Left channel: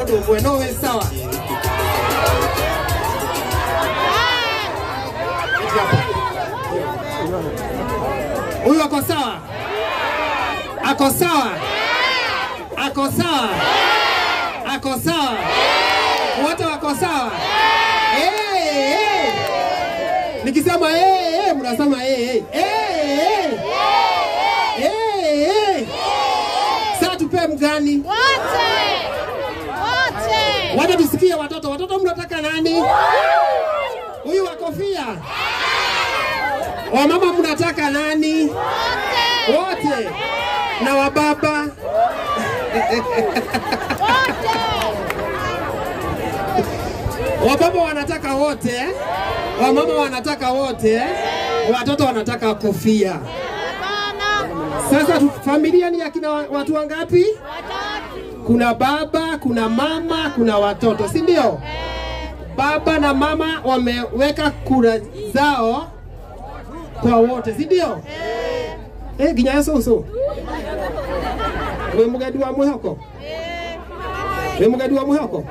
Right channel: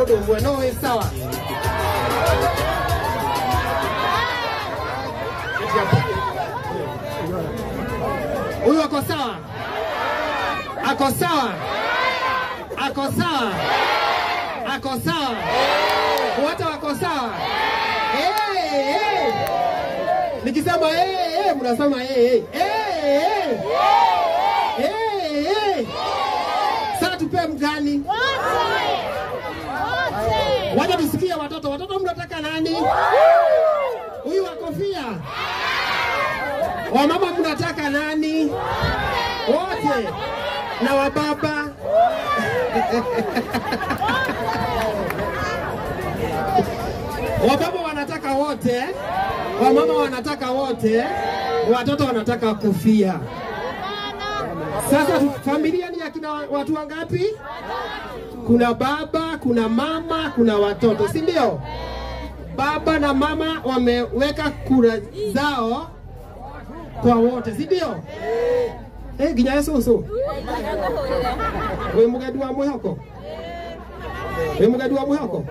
modo bueno we sawa. Huyu ako sawa? Ako sawa? Ako sawa? Ako sawa? Wote wako sawa? Nikisema mnasema Sasa tupe mgani? Wote tusikie watoto. Watoto mnataka nani? Huyu wa kofia. Wamama mnataka nani? Wote. Na wababa. Wababa wanataka wote, wamama wanataka wote, watoto wanataka kofia. Sasa familia ni akina watu wangapi? Kuna baba, kuna mama, kuna watoto, si ndio? Baba na mama wameweka kura zao kwa wote, si ndio? Ginya so. Wewe mugadi wa mwehoko? Wewe mugadi wa mwehoko?